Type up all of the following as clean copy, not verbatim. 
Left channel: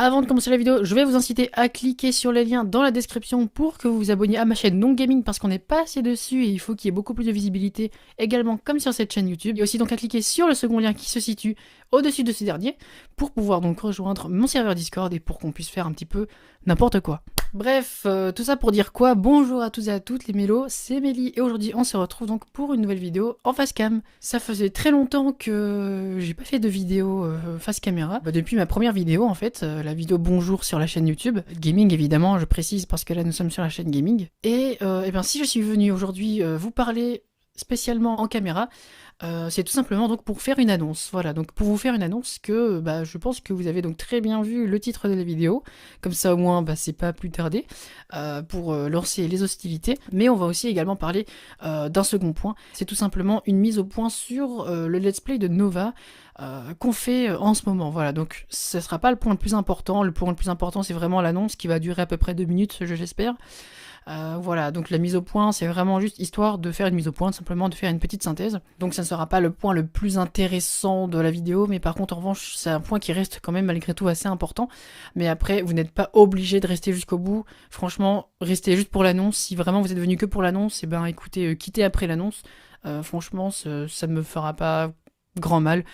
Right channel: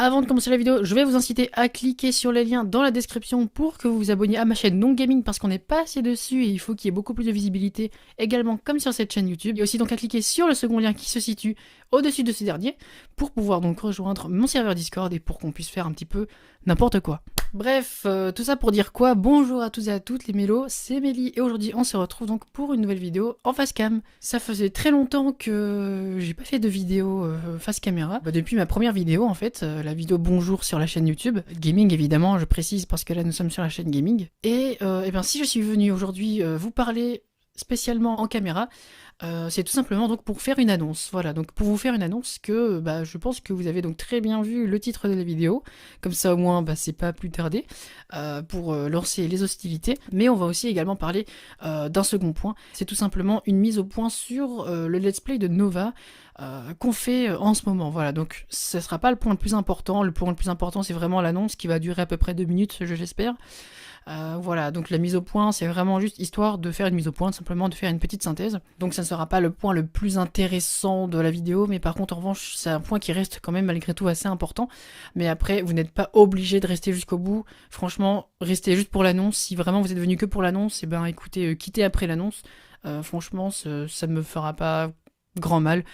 Avant de commencer la vidéo, je vais vous inciter à cliquer sur les liens dans la description pour que vous vous abonniez à ma chaîne Non Gaming parce qu'on n'est pas assez dessus et il faut qu'il y ait beaucoup plus de visibilité également comme sur cette chaîne YouTube. Et aussi donc à cliquer sur le second lien qui se situe au-dessus de ce dernier pour pouvoir donc rejoindre mon serveur Discord et pour qu'on puisse faire un petit peu n'importe quoi. Bref, tout ça pour dire quoi? Bonjour à tous et à toutes les mélos, c'est Mélie et aujourd'hui on se retrouve donc pour une nouvelle vidéo en face cam. Ça faisait très longtemps que j'ai pas fait de vidéo face caméra, depuis ma première vidéo en fait, la vidéo bonjour sur la chaîne YouTube. Gaming évidemment, je précise parce que là nous sommes sur la chaîne Gaming. Et bien si je suis venu aujourd'hui vous parler spécialement en caméra, c'est tout simplement donc pour faire une annonce. Voilà, donc pour vous faire une annonce que je pense que vous avez donc très bien vu le titre de la vidéo. Comme ça au moins c'est pas plus tardé pour lancer les hostilités. Mais on va aussi également parler d'un second point. C'est tout simplement une mise au point sur le let's play de Nova. Qu'on fait en ce moment. Voilà, donc ça sera pas le point le plus important. Le point le plus important c'est vraiment l'annonce qui va durer à peu près 2 minutes, j'espère. Voilà, donc la mise au point, c'est vraiment juste histoire de faire une mise au point, simplement de faire une petite synthèse. Donc ça ne sera pas le point le plus intéressant de la vidéo, mais par contre, en revanche, c'est un point qui reste quand même malgré tout assez important. Mais après, vous n'êtes pas obligé de rester jusqu'au bout. Franchement, restez juste pour l'annonce. Si vraiment vous êtes venu que pour l'annonce, et ben écoutez, quittez après l'annonce. Franchement, ça me fera pas grand mal.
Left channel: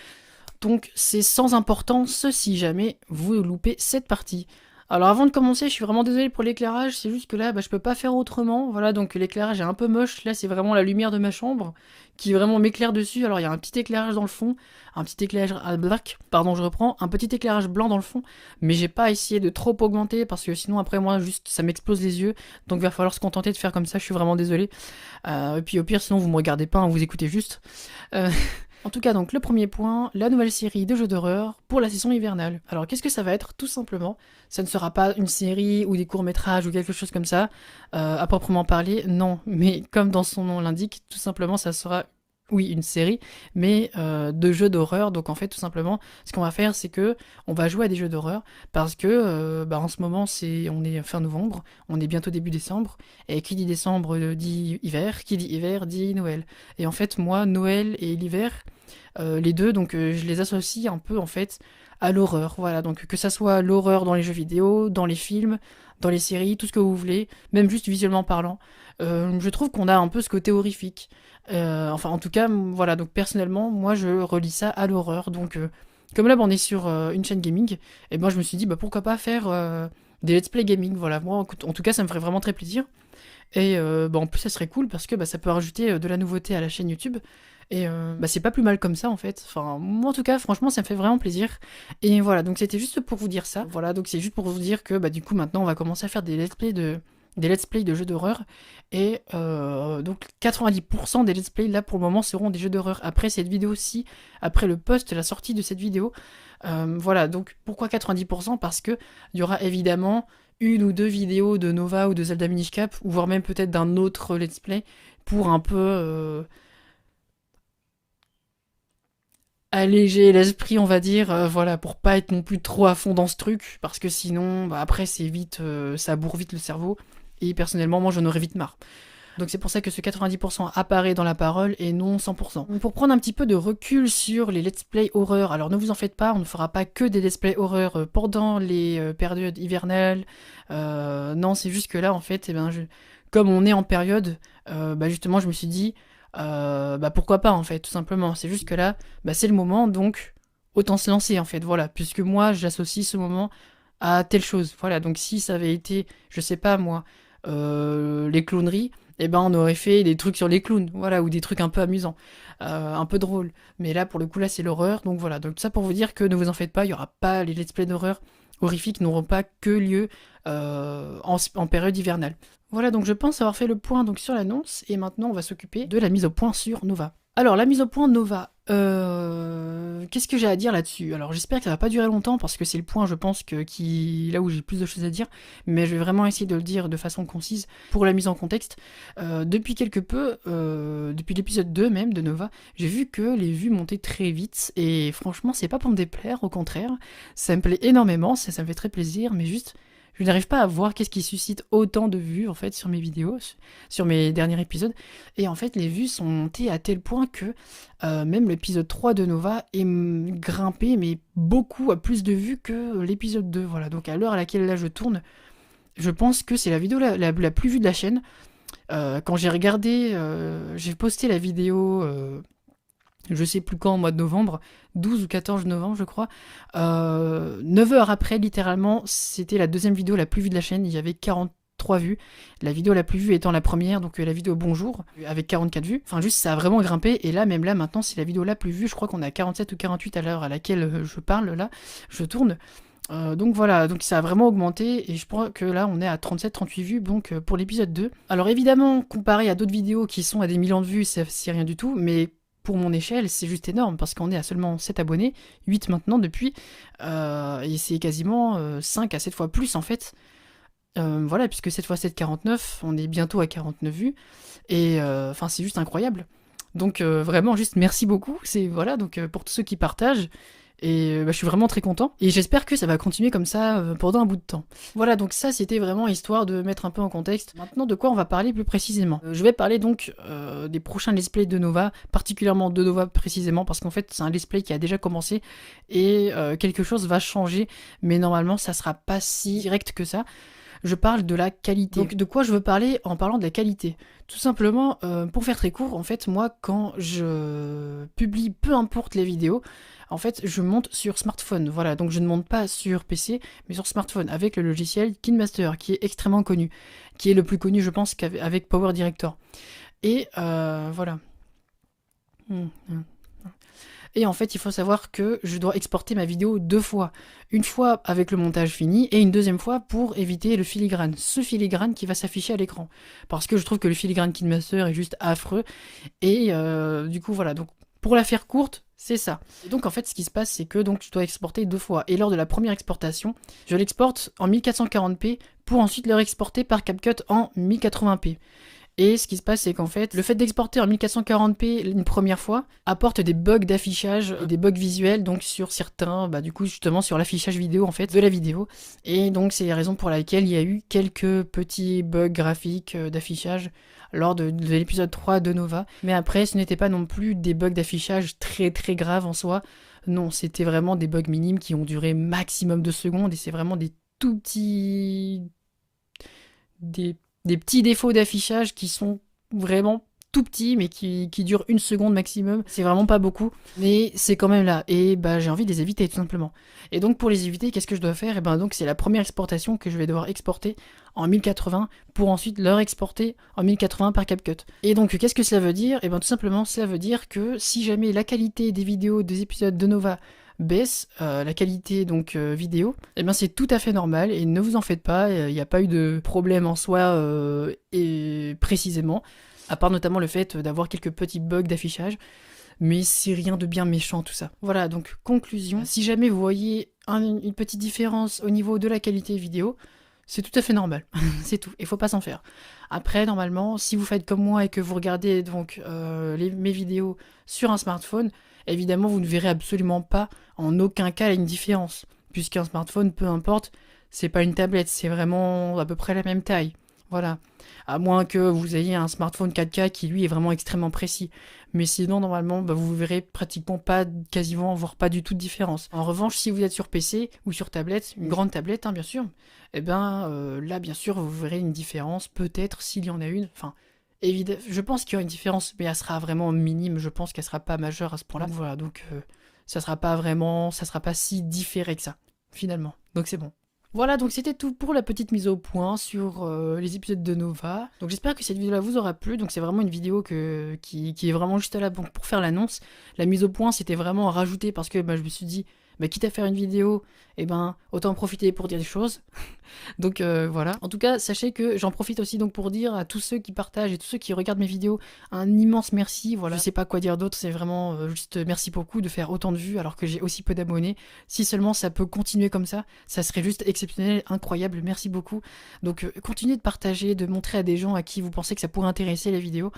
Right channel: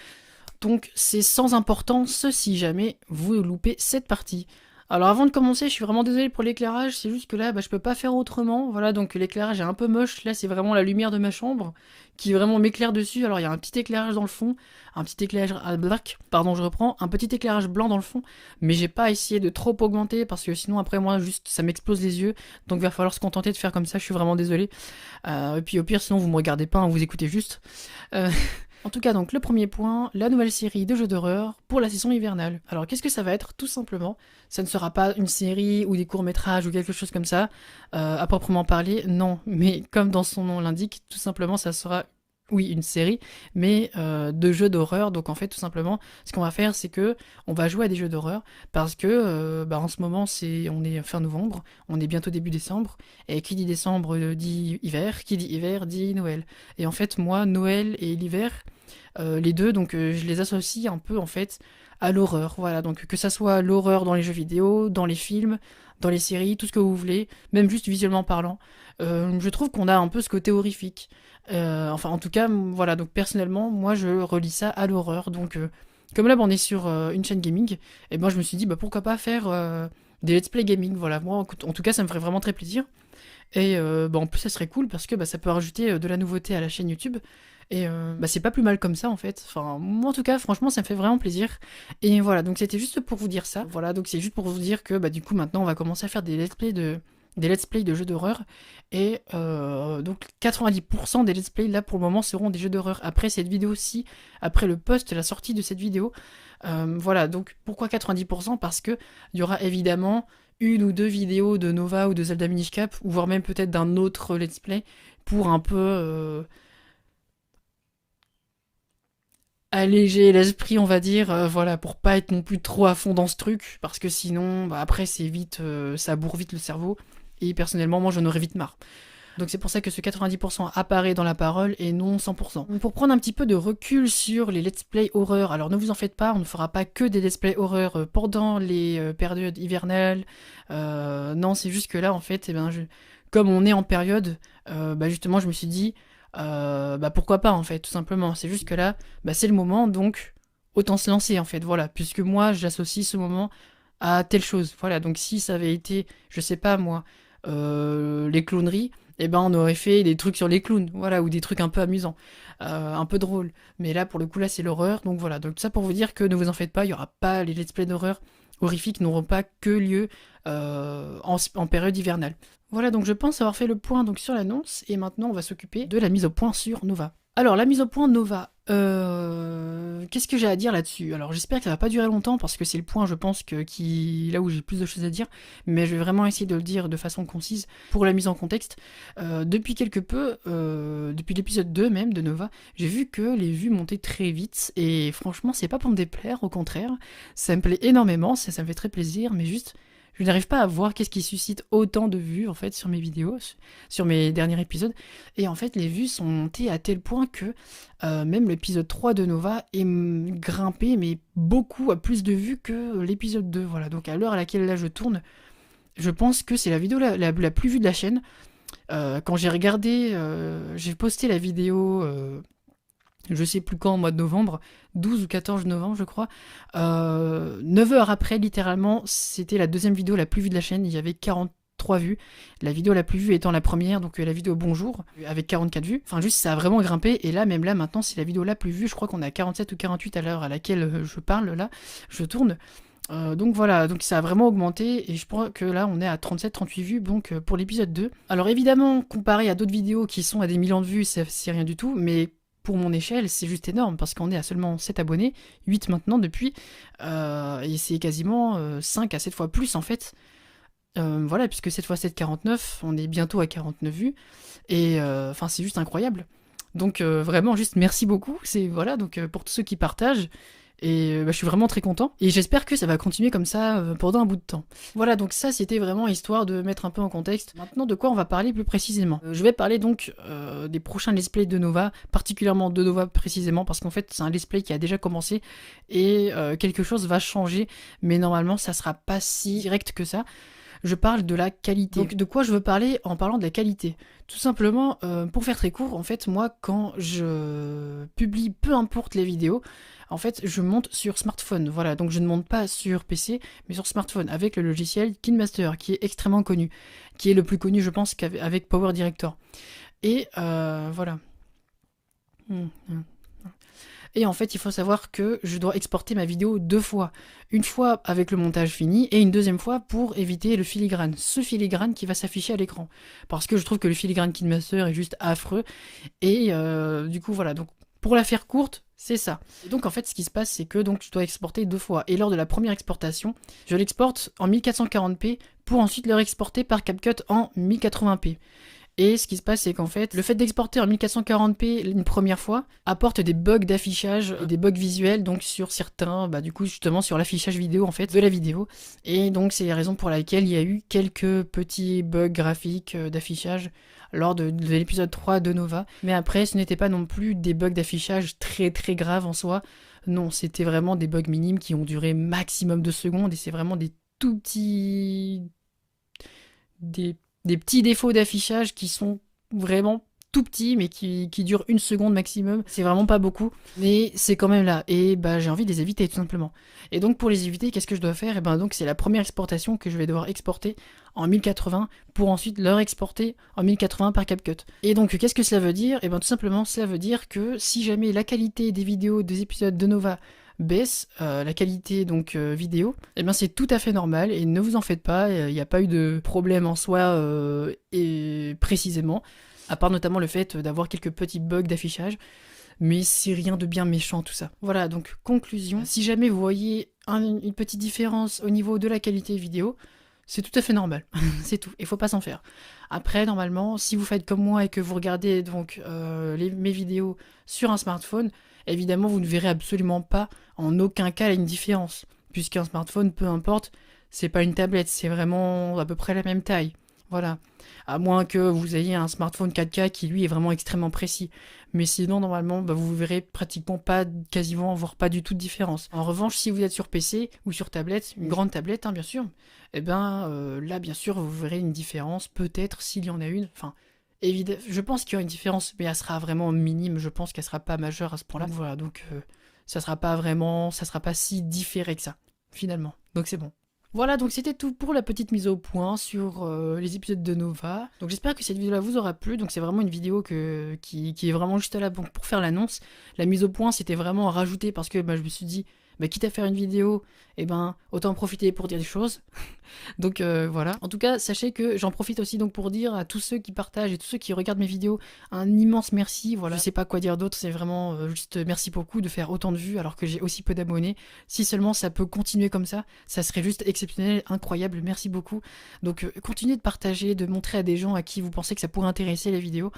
Donc c'est sans importance si jamais vous loupez cette partie. Alors avant de commencer, je suis vraiment désolé pour l'éclairage, c'est juste que là je peux pas faire autrement. Voilà, donc l'éclairage est un peu moche, là c'est vraiment la lumière de ma chambre qui vraiment m'éclaire dessus. Alors il y a un petit éclairage dans le fond, un petit éclairage black, pardon je reprends, un petit éclairage blanc dans le fond, mais j'ai pas essayé de trop augmenter parce que sinon après moi juste ça m'explose les yeux, donc il va falloir se contenter de faire comme ça, je suis vraiment désolé. Et puis au pire sinon vous me regardez pas, hein, vous écoutez juste. En tout cas, donc le premier point, la nouvelle série de jeux d'horreur pour la saison hivernale. Alors qu'est-ce que ça va être? Tout simplement, ça ne sera pas une série ou des courts-métrages ou quelque chose comme ça, à proprement parler, non. Mais comme dans son nom l'indique, tout simplement, ça sera, oui, une série, mais de jeux d'horreur. Donc en fait, tout simplement, ce qu'on va faire, c'est que on va jouer à des jeux d'horreur parce que en ce moment, on est fin novembre, on est bientôt début décembre, et qui dit décembre dit hiver, qui dit hiver dit Noël. Et en fait, moi, Noël et l'hiver, les deux, donc je les associe un peu en fait à l'horreur. Voilà, donc que ça soit l'horreur dans les jeux vidéo, dans les films, dans les séries, tout ce que vous voulez, même juste visuellement parlant. Je trouve qu'on a un peu ce côté horrifique. Enfin, en tout cas, voilà, donc personnellement, moi je relie ça à l'horreur. Donc, comme là, on est sur une chaîne gaming, et moi je me suis dit, pourquoi pas faire des let's play gaming. Voilà, moi en tout cas, ça me ferait vraiment très plaisir. Et en plus, ça serait cool parce que ça peut rajouter de la nouveauté à la chaîne YouTube. Et c'est pas plus mal comme ça en fait. Enfin, moi en tout cas, franchement, ça me fait vraiment plaisir. Et voilà, donc c'était juste pour vous dire ça. Voilà, donc c'est juste pour vous dire que du coup, maintenant, on va commencer à faire des let's play de jeux d'horreur. Et donc 90% des let's play là pour le moment seront des jeux d'horreur. Après cette vidéo-ci, après le post, la sortie de cette vidéo. Voilà, donc pourquoi 90%? Parce que il y aura évidemment une ou deux vidéos de Nova ou de Zelda Minish Cap, ou voire même peut-être d'un autre let's play pour un peu alléger l'esprit, on va dire, voilà, pour pas être non plus trop à fond dans ce truc, parce que sinon, après, c'est vite, ça bourre vite le cerveau, et personnellement, moi, j'en aurais vite marre. Donc c'est pour ça que ce 90% apparaît dans la parole et non 100%. Pour prendre un petit peu de recul sur les let's play horreur, alors ne vous en faites pas, on ne fera pas que des let's play horreur pendant les périodes hivernales. Non, c'est juste que là, en fait, comme on est en période, justement, je me suis dit, pourquoi pas, en fait, tout simplement. C'est juste que là, c'est le moment, donc autant se lancer, en fait, voilà. Puisque moi, j'associe ce moment à telle chose. Voilà, donc si ça avait été, je sais pas moi, les clowneries, on aurait fait des trucs sur les clowns, voilà, ou des trucs un peu amusants, un peu drôles. Mais là, pour le coup, là, c'est l'horreur, donc voilà. Donc ça pour vous dire que ne vous en faites pas, il y aura pas les let's play d'horreur horrifiques n'auront pas que lieu en période hivernale. Voilà, donc je pense avoir fait le point donc sur l'annonce, et maintenant on va s'occuper de la mise au point sur Nova. Alors, la mise au point Nova, qu'est-ce que j'ai à dire là-dessus? Alors, j'espère que ça va pas durer longtemps, parce que c'est le point, je pense, là où j'ai le plus de choses à dire, mais je vais vraiment essayer de le dire de façon concise pour la mise en contexte. Depuis quelque peu, depuis l'épisode 2 même de Nova, j'ai vu que les vues montaient très vite, et franchement, c'est pas pour me déplaire, au contraire, ça me plaît énormément, ça me fait très plaisir, mais juste, Je n'arrive pas à voir qu'est-ce qui suscite autant de vues en fait sur mes vidéos, sur mes derniers épisodes. Et en fait, les vues sont montées à tel point que même l'épisode 3 de Nova est grimpé, mais beaucoup à plus de vues que l'épisode 2. Voilà, donc à l'heure à laquelle là je tourne, je pense que c'est la vidéo la plus vue de la chaîne. Quand j'ai regardé, j'ai posté la vidéo, je sais plus quand, au mois de novembre, 12 ou 14 novembre je crois, 9 heures après littéralement, c'était la deuxième vidéo la plus vue de la chaîne, il y avait 43 vues, la vidéo la plus vue étant la première, donc la vidéo bonjour, avec 44 vues, enfin juste ça a vraiment grimpé, et là même là maintenant c'est la vidéo la plus vue, je crois qu'on est à 47 ou 48 à l'heure à laquelle je parle, là, je tourne. Donc voilà, donc ça a vraiment augmenté et je crois que là on est à 37-38 vues donc pour l'épisode 2. Alors évidemment, comparé à d'autres vidéos qui sont à des millions de vues, c'est rien du tout, mais pour mon échelle, c'est juste énorme parce qu'on est à seulement 7 abonnés, 8 maintenant depuis, et c'est quasiment 5 à 7 fois plus en fait. Voilà, puisque 7 fois 7, 49, on est bientôt à 49 vues, et enfin c'est juste incroyable. Donc vraiment juste merci beaucoup, c'est voilà, donc pour tous ceux qui partagent. Et je suis vraiment très content. Et j'espère que ça va continuer comme ça pendant un bout de temps. Voilà, donc ça c'était vraiment histoire de mettre un peu en contexte. Maintenant, de quoi on va parler plus précisément. Je vais parler donc des prochains let's play de Nova, particulièrement de Nova précisément, parce qu'en fait c'est un let's play qui a déjà commencé et quelque chose va changer. Mais normalement ça sera pas si direct que ça. Je parle de la qualité. Donc de quoi je veux parler en parlant de la qualité? Tout simplement, pour faire très court, en fait moi quand je publie peu importe les vidéos, en fait, je monte sur smartphone, voilà, donc je ne monte pas sur PC, mais sur smartphone, avec le logiciel KineMaster, qui est extrêmement connu, qui est le plus connu, je pense, qu'avec Power Director. Et voilà. Et en fait, il faut savoir que je dois exporter ma vidéo 2 fois. Une fois avec le montage fini, et une deuxième fois pour éviter le filigrane. Ce filigrane qui va s'afficher à l'écran. Parce que je trouve que le filigrane KineMaster est juste affreux. Et du coup, voilà, donc pour la faire courte, c'est ça. Et donc en fait ce qui se passe c'est que donc je dois exporter 2 fois. Et lors de la première exportation, je l'exporte en 1440p pour ensuite le réexporter par CapCut en 1080p. Et ce qui se passe c'est qu'en fait le fait d'exporter en 1440p une première fois apporte des bugs d'affichage et des bugs visuels donc sur certains, du coup justement sur l'affichage vidéo en fait de la vidéo. Et donc c'est la raison pour laquelle il y a eu quelques petits bugs graphiques d'affichage lors de l'épisode 3 de Nova. Mais après, ce n'était pas non plus des bugs d'affichage très très graves en soi. Non, c'était vraiment des bugs minimes qui ont duré maximum 2 secondes et c'est vraiment des tout petits... Des petits défauts d'affichage qui sont vraiment tout petits mais qui durent 1 seconde maximum. C'est vraiment pas beaucoup, mais c'est quand même là. Et j'ai envie de les éviter tout simplement. Et donc pour les éviter, qu'est-ce que je dois faire? Et donc c'est la première exportation que je vais devoir exporter en 1080 pour ensuite leur exporter en 1080 par CapCut. Et donc qu'est-ce que cela veut dire? Et tout simplement cela veut dire que si jamais la qualité des vidéos des épisodes de Nova baisse, la qualité donc vidéo, c'est tout à fait normal et ne vous en faites pas, il n'y a pas eu de problème en soi et précisément, à part notamment le fait d'avoir quelques petits bugs d'affichage. Mais c'est rien de bien méchant tout ça. Voilà, donc conclusion, si jamais vous voyez une petite différence au niveau de la qualité vidéo, c'est tout à fait normal, c'est tout, il faut pas s'en faire. Après, normalement, si vous faites comme moi et que vous regardez donc mes vidéos sur un smartphone, évidemment vous ne verrez absolument pas en aucun cas une différence, puisqu'un smartphone, peu importe, c'est pas une tablette, c'est vraiment à peu près la même taille. Voilà. À moins que vous ayez un smartphone 4K qui lui est vraiment extrêmement précis. Mais sinon, normalement, vous verrez pratiquement pas, quasiment, voire pas du tout de différence. En revanche, si vous êtes sur PC ou sur tablette, une grande tablette, bien sûr, là, bien sûr, vous verrez une différence, peut-être, s'il y en a une. Enfin, évidemment, je pense qu'il y aura une différence, mais elle sera vraiment minime, je pense qu'elle sera pas majeure à ce point-là. Voilà, donc, ça sera pas si différé que ça, finalement. Donc c'est bon. Voilà, donc c'était tout pour la petite mise au point sur les épisodes de Nova. Donc j'espère que cette vidéo-là vous aura plu. Donc c'est vraiment une vidéo qui est vraiment juste là pour faire l'annonce. La mise au point, c'était vraiment à rajouter parce que je me suis dit, quitte à faire une vidéo, autant en profiter pour dire des choses. Donc voilà. En tout cas, sachez que j'en profite aussi donc pour dire à tous ceux qui partagent et tous ceux qui regardent mes vidéos un immense merci. Voilà, je sais pas quoi dire d'autre, c'est vraiment juste merci beaucoup de faire autant de vues alors que j'ai aussi peu d'abonnés. Si seulement ça peut continuer comme ça serait juste exceptionnel, incroyable. Merci beaucoup. Donc continuez de partager, de montrer à des gens à qui vous pensez que ça pourrait intéresser la vidéo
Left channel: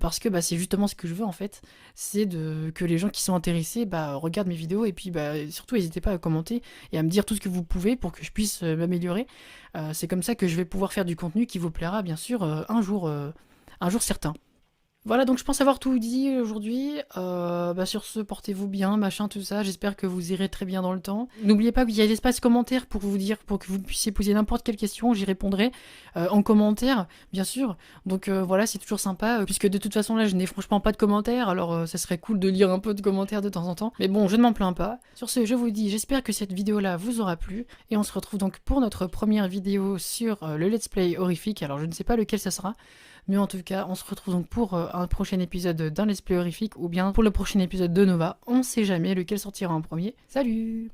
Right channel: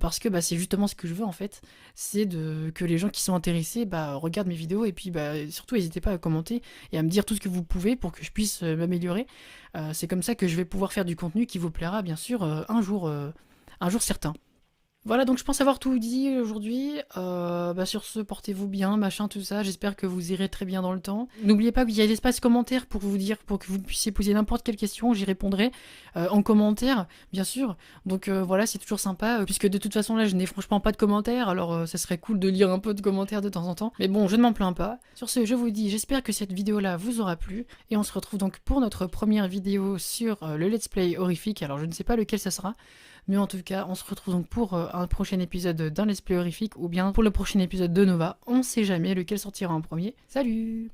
parce que c'est justement ce que je veux en fait, c'est que les gens qui sont intéressés regardent mes vidéos et puis surtout n'hésitez pas à commenter et à me dire tout ce que vous pouvez pour que je puisse m'améliorer. C'est comme ça que je vais pouvoir faire du contenu qui vous plaira bien sûr un jour certain. Voilà, donc je pense avoir tout dit aujourd'hui. Sur ce, portez-vous bien, machin, tout ça. J'espère que vous irez très bien dans le temps. N'oubliez pas qu'il y a l'espace commentaire pour vous dire, pour que vous puissiez poser n'importe quelle question. J'y répondrai en commentaire, bien sûr. Donc voilà, c'est toujours sympa, puisque de toute façon là, je n'ai franchement pas de commentaires. Alors ça serait cool de lire un peu de commentaires de temps en temps. Mais bon, je ne m'en plains pas. Sur ce, je vous dis, j'espère que cette vidéo-là vous aura plu. Et on se retrouve donc pour notre première vidéo sur le Let's Play horrifique. Alors je ne sais pas lequel ça sera. Mais en tout cas, on se retrouve donc pour un prochain épisode d'un Let's Play horrifique ou bien pour le prochain épisode de Nova. On sait jamais lequel sortira en premier. Salut!